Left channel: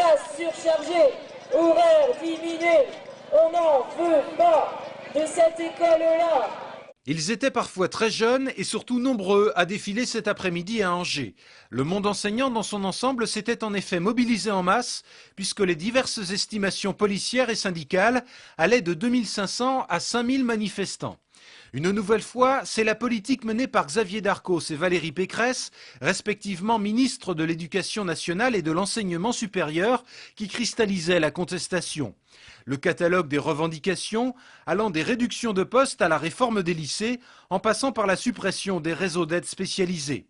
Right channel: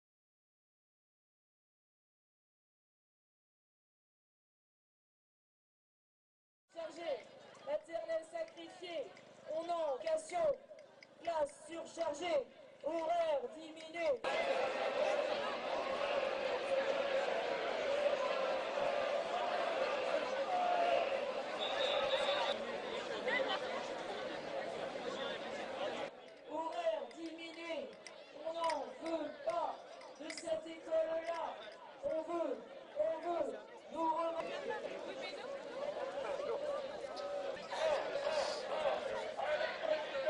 classes surchargées, horaires diminués. On n'en veut pas de cette école-là. Ils étaient parfois très jeunes et surtout nombreux à défiler cet après-midi à Angers. Le monde enseignant dans son ensemble s'était en effet mobilisé en masse puisque les diverses estimations policières et syndicales allaient de 2500 à 5000 manifestants. Une nouvelle fois, c'est la politique menée par Xavier Darcos et Valérie Pécresse, respectivement ministres de l'Éducation nationale et de l'Enseignement supérieur, qui cristallisait la contestation. Le catalogue des revendications allant des réductions de postes à la réforme des lycées, en passant par la suppression des réseaux d'aide spécialisés.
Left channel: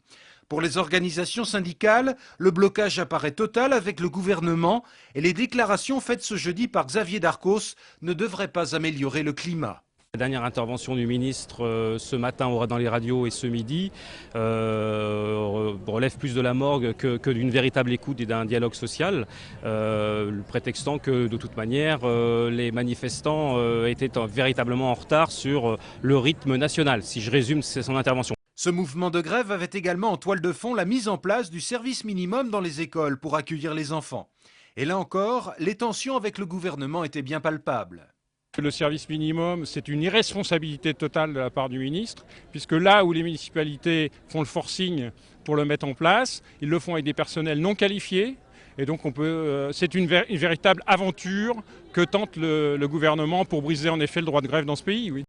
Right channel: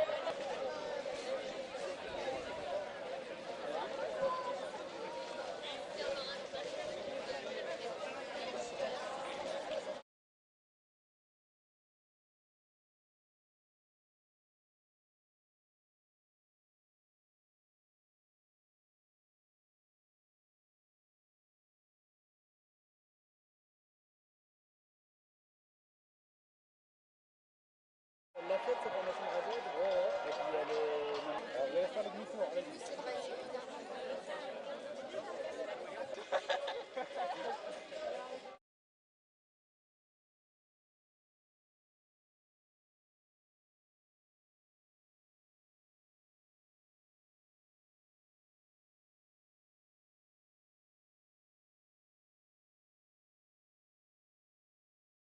Pour les organisations syndicales, le blocage apparaît total avec le gouvernement et les déclarations faites ce jeudi par Xavier Darcos ne devraient pas améliorer le climat. La dernière intervention du ministre ce matin dans les radios et ce midi relève plus de la morgue que d'une véritable écoute et d'un dialogue social, prétextant que de toute manière les manifestants étaient véritablement en retard sur le rythme national, si je résume son intervention. Ce mouvement de grève avait également en toile de fond la mise en place du service minimum dans les écoles pour accueillir les enfants. Et là encore, les tensions avec le gouvernement étaient bien palpables. Le service minimum, c'est une irresponsabilité totale de la part du ministre, puisque là où les municipalités font le forcing pour le mettre en place, ils le font avec des personnels non qualifiés. Et donc c'est une véritable aventure que tente le gouvernement pour briser en effet le droit de grève dans ce pays. Oui.